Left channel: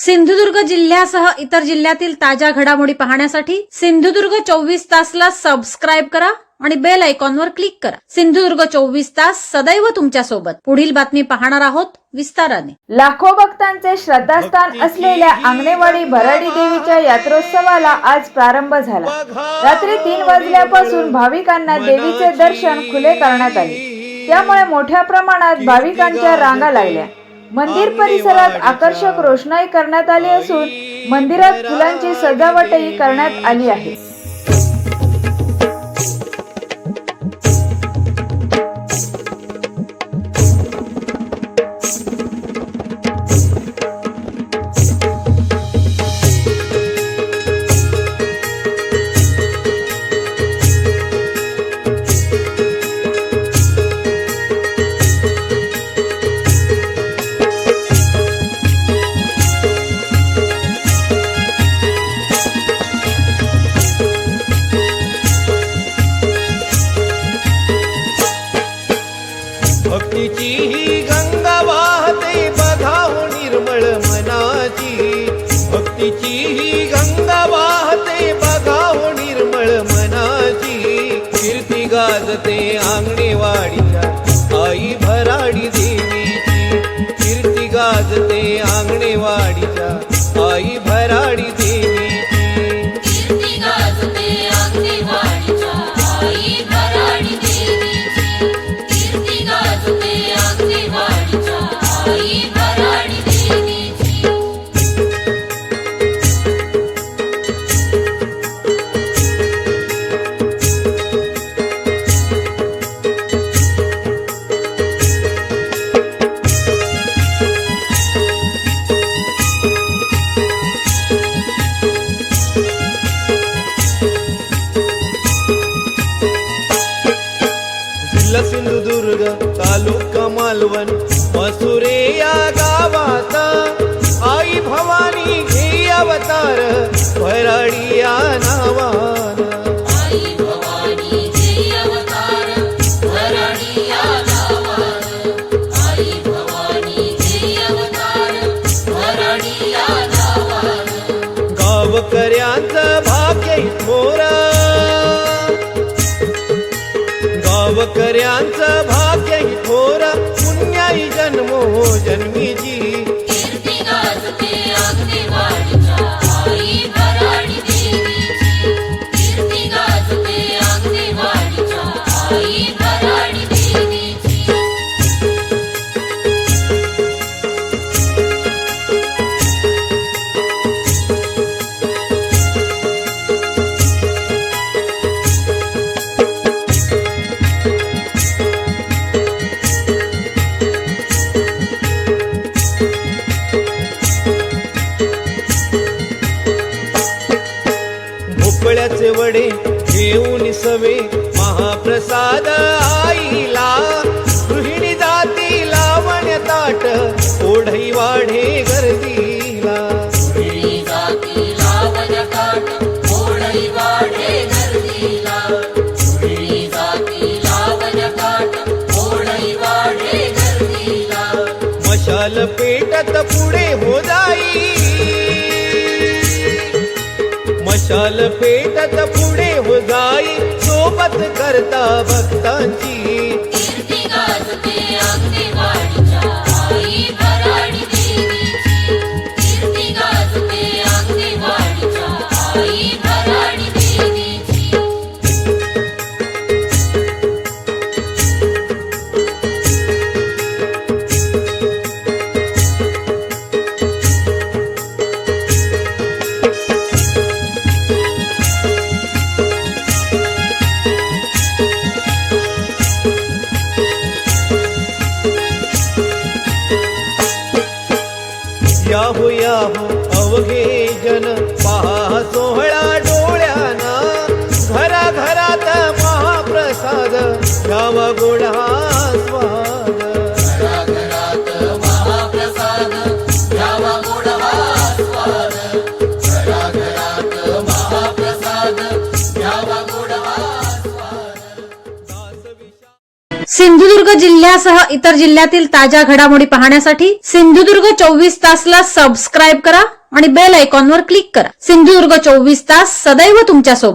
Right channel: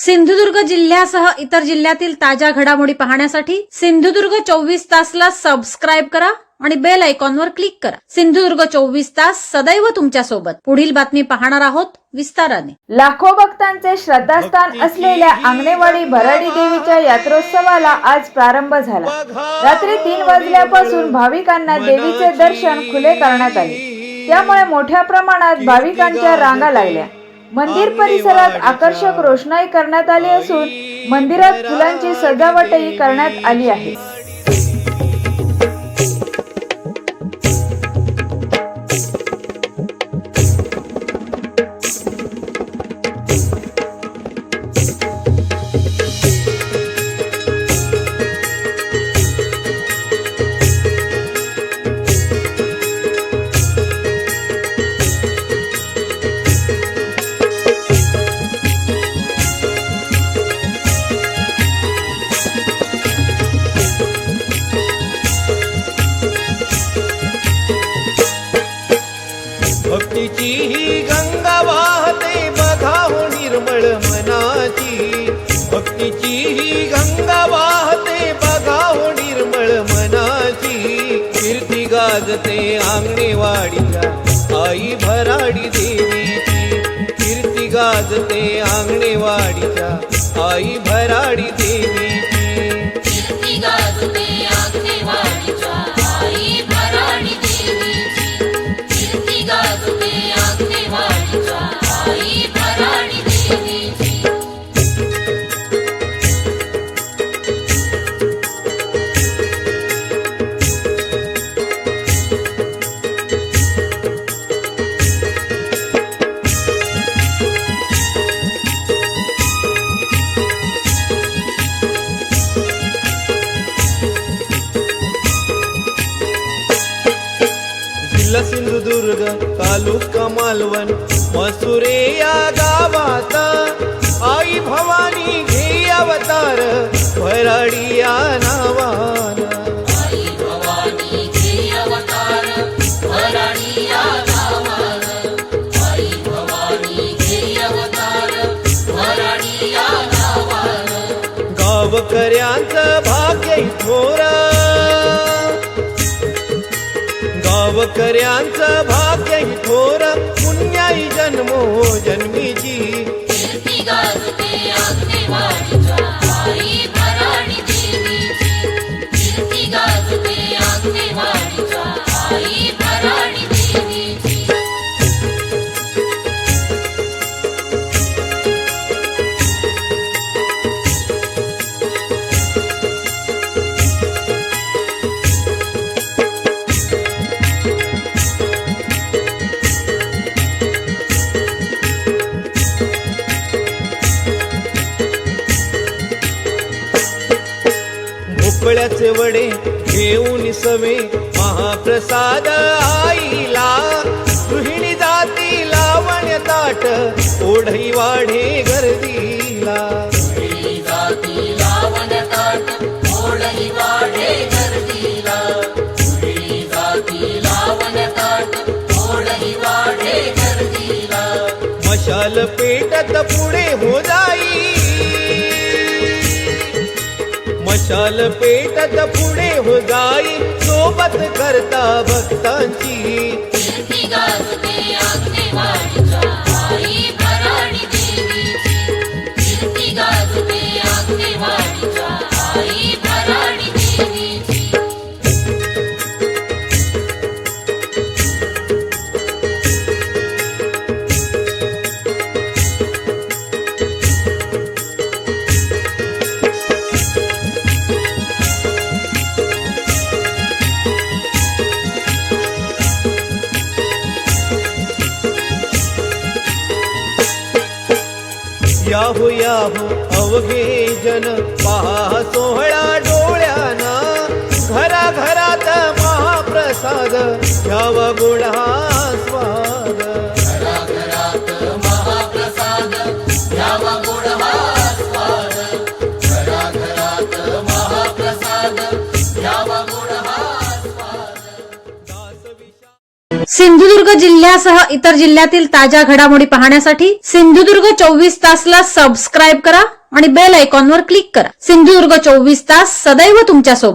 सिंधुदुर्ग जिल्ह्यासह इतर जिल्ह्यातील ताज्या घडामोडी पाहण्यासाठी सिंधुदुर्ग 24 तासला सबस्क्राइब करा आणि बेल आयकॉनवर क्लिक करा। सिंधुदुर्ग 24 तास सदैव तुमच्या सोबत। पुढील बातमी पाहणार आहोत विस्ताराने। लाखो भक्तांचे श्रद्धास्थान असलेल्या आंगणेवाडी भराडी देवीच्या यात्रोत्सवाला आज प्रारंभ झाला। रात्री 3 वाजल्यापासून भाविकांना देवीचे दर्शन खुले करण्यात आले, त्यामुळे मोठ्या प्रमाणात भाविकांच्या रांगा लागल्या। मंदिर परिसरात आकर्षक रोषणाई करण्यात आली असून मंदिरात फुलांची सजावटही करण्यात आली आहे। भक्तीची ही गंगा वाहते बघा हो निर्मळ मनाची। भक्तीची ही गंगा वाहते बघा हो निर्मळ मनाची। कीर्ती गाजते आंगणेवाडीच्या आई भराडी देवीची। कीर्ती गाजते आंगणेवाडीच्या आई भराडी देवीची। कीर्ती गाजते आंगणेवाडीच्या आई भराडी देवीची। कीर्ती गाजते आंगणेवाडीच्या आई भराडी देवीची। जिल्हा सिंधुदुर्ग तालुका मालवण मसुरे या गावात आई भवानी घे अवतार भराडी या नावान। आई भवानी घे अवतार भराडी या नावान। आई भवानी घे अवतार भराडी या नावान। गावकऱ्यांचं भाग्य थोर, गावकऱ्यांचं भाग्य ही थोर पुण्याई जन्मो जन्मीची। कीर्ती गाजते आंगणेवाडीच्या आई भराडी देवीची। कीर्ती गाजते आंगणेवाडीच्या आई भराडी देवीची। भोपळ्याचे वडे घेऊन सवे महाप्रसाद आईला। गृहिणी जाती लावण्य ताट ओढई वाढे गर्दीला। गृहिणी जाती लावण्य ताट ओढई वाढे गर्दीला। गृहिणी जाती लावण्य ताट ओढई वाढे गर्दीला। मशाल पेटत पुढे हो जाई, मशाल पेटत पुढे हो जाई सोबत करता भक्तांची। कीर्ती गाजते आंगणेवाडीच्या आई भराडी देवीची। कीर्ती गाजते आंगणेवाडीच्या आई भराडी देवीची। याहो याहो अवघे जन पहा सोहळा डोळ्याना। घराघरात महाप्रसाद घ्यावा गोडा स्वाद। घराघरात महाप्रसाद घ्यावा गोडा स्वाद। घराघरात महाप्रसाद घ्यावा गोडा स्वाद। दास विशा सिंधुदुर्ग जिल्ह्यासह इतर जिल्ह्यातील ताज्या घडामोडी पाहण्यासाठी सिंधुदुर्ग 24 तासला सबस्क्राईब करा आणि बेल आयकॉनवर क्लिक करा. सिंधुदुर्ग 24 तास सदैव तुमच्या सोबत.